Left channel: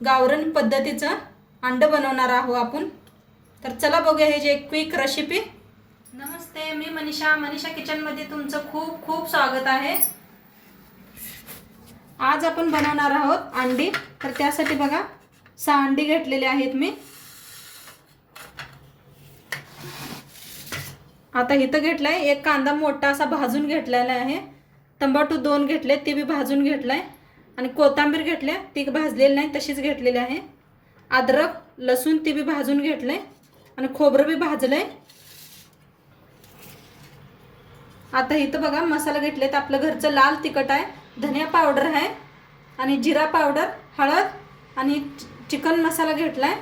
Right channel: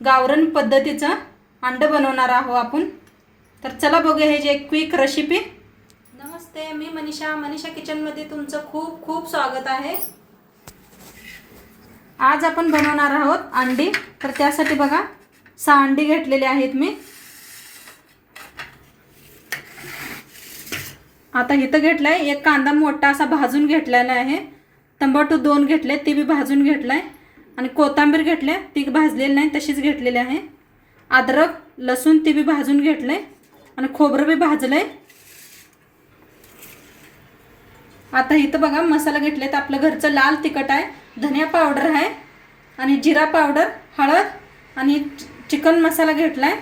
गावरण पद्धतीचं अंड बनवणार आहोत आपण. तर चला बघूया हे जे क्विक रेसिपी नमस्ते मी मनीषा. मनीषा किचनमध्ये तुमचं खूप खूप स्वागत आहे. आज आपण बनवणार आहोत अंडी. तर त्यासाठी बघा सहा अंडी घेतलेले आहेत मी. आता इथं घेतलाय एक कांदा मोठा असा भाजून घेतलेला आहे. तंबाटू दोन घेतले ती बी भाजून घेतलाय. आणि कोथिंबीर घेतल्या ती भाजलेली नाही तशीच घेतलेली आहे. अद्रक लसूण ती बी भाजून घेतलं आहे आणि खोबरं बी भाजलं आहे आता इथं बघा मसाला घेतले तर आपलं घरचं लाल तिखट आहे धनिया पावडर आहे आणि जिरा पावडर हळद आणि चिकन मसाला घेतला आहे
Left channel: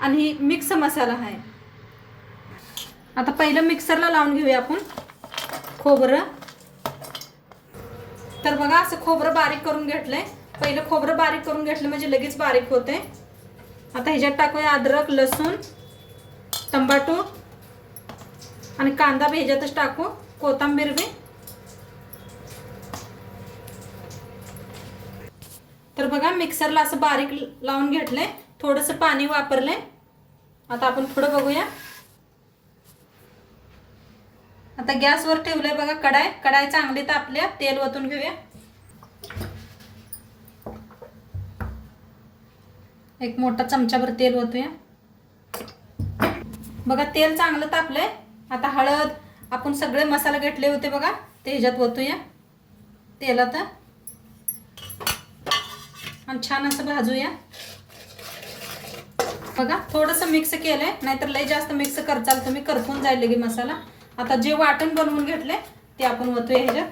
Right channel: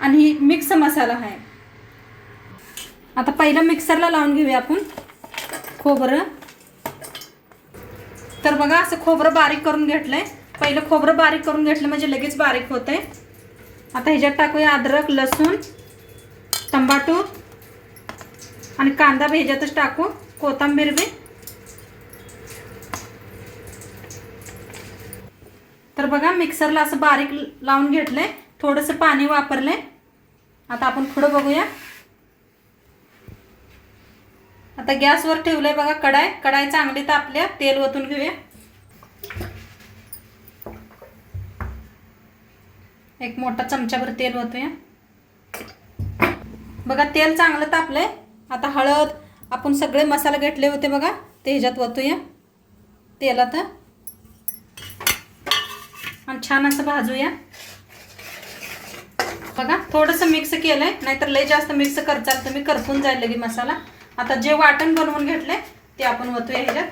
आणि मिक्स मसाला आहे. आता पहिलं मिक्सरला लावून घेऊया आपण खोबरं. तर बघा असं खोबरं बारीक करून घेतलंय. पहिलं खोबरं बारीक करून घेतलं म्हणजे लगेच बारीक होतंय. आता ह्याच्यात टाकूया अद्रक लसूण तंबाटू आणि कांदा बी ह्याच्यातच टाकू कोथंबीर बी. तर बघा मिक्सरला असं बारीक लावून घेतलंय. थोडंसं पाणी वापरलंय. आता आपण पुढं बघूया. आता गॅसवर ठेवलंय बघा कढाई. कढाई चांगली तापल्या तेल ओतून घेऊया. एक मोठा चमच्यावर तेल ओतूया. बघा तेल चांगलं तापलंय. आता हळद आपण सगळे मसाले घेतले होते बघा ते ह्याच्यात ओतूया. तेलात. आणि छान असं भाजूया. बघा थोडंसं मिक्स केलंय नाहीतर लय जास्त मिक्स करचाल तुम्ही करपून जाईल लगे मसाला. आता जे वाटण बनवून घेतले ते आपण ओतूया ह्याच्यात.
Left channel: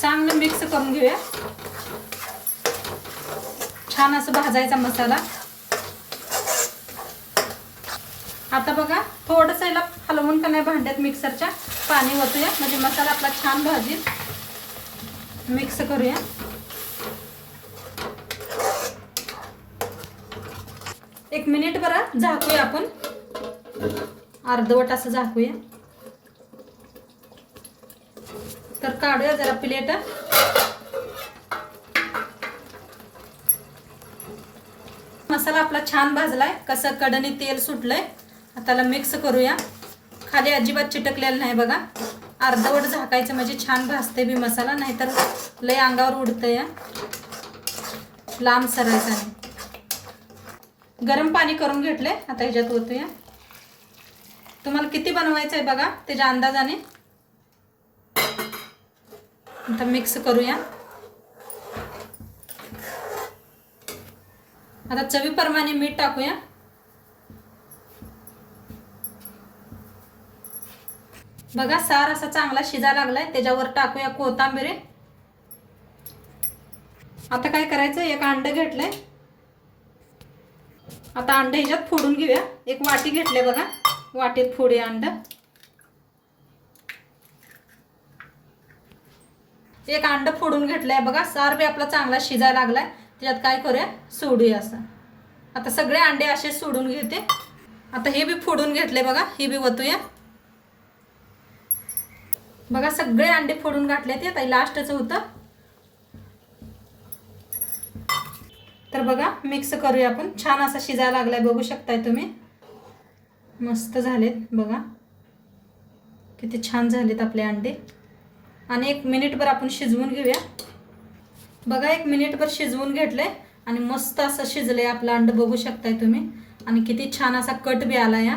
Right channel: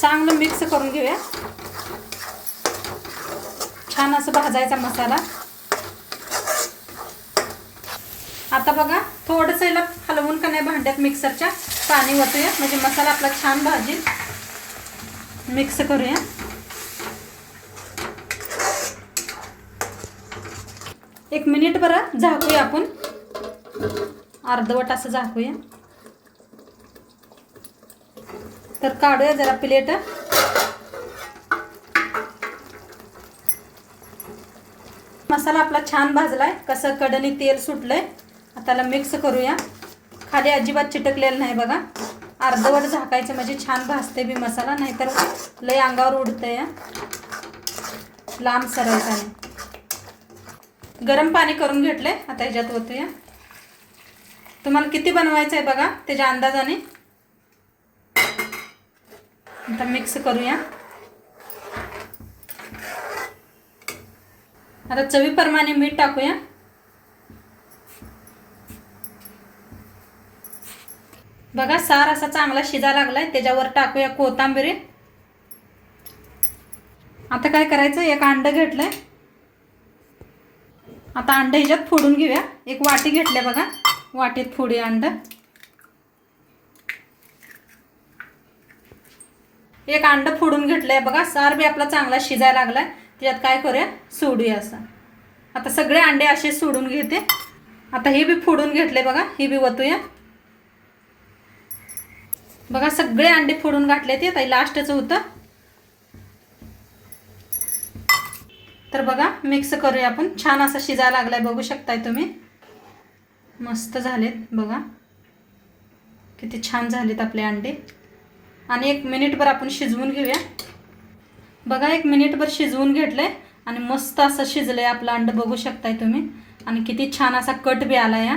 चांगलं मिक्स करून घेऊया. छान असं भाजायचा मसाला. आता बघा थोडस याला हलवून का नाही भांड्यात मिक्सरच्या पाणी ओतूया म्हणजे मसाला आपला छान भाजील मिक्स करूया. एक मिनिट बरं झाकूया आपण. अर्धवट असं झाकूया. तर काढूया जरा प्लेट. मसाला आपला छान भाजलाय. कसं कडणी तेल सुटलंय. आता त्याला मिक्स करूया. खाली अजिबात चिटकलेलं नाही बघा. अर्धवट झाकायचं म्हणजे छान भाजते बी मसाला नाहीतर लय अंगावर उडतं या लांब सरायचा नाही गरम पाणी करून घेतले. आता ह्याच्यात ओतूया. तुम्हाला किती बनवायचं आहे बघा त्याच्या अंदाजाने. आता मिक्स करूया. आता चवीप्रमाणे मीठ टाकूया. बघा सार असा चांगला शिजा लागलाय. त्याच्यावर टाकूया कोथांबिरी. आता काय करायचं? एक अंड घेतलंय. आता अंडे ह्याच्यात फोडून घेऊया. एक वाटी घेतले बघा. वाटीत फोडूया अंड. एक अंड फोडून घेतलंय बघा. सार बी आपला चांगला शिजायला लागलाय. त्याच्यात काय करूया? सोडूया असं. आता सगळे अंडे असे सोडून घेते. आता हे बी फोडून घेतले बघा. हे बी वतूया. बघा सगळे अंडे फोडून घातले ते आता लास्टचं होतं. तर बघा मिक्स करूया आपण. छान असा शिजायला लागलाय बघू शकताय तुम्ही. मस्त झालेत बघा. किती छान झालेत आपले अंडे. आणि एक मिनिटभर आपण शिजवून घेऊया. बघा एक मिनिटभर शिजवून घेतलंय आणि मस्त असं शिजलंय आपलं अंड बघू शकताय तुम्ही. आणि किती छान असा कट बी आला या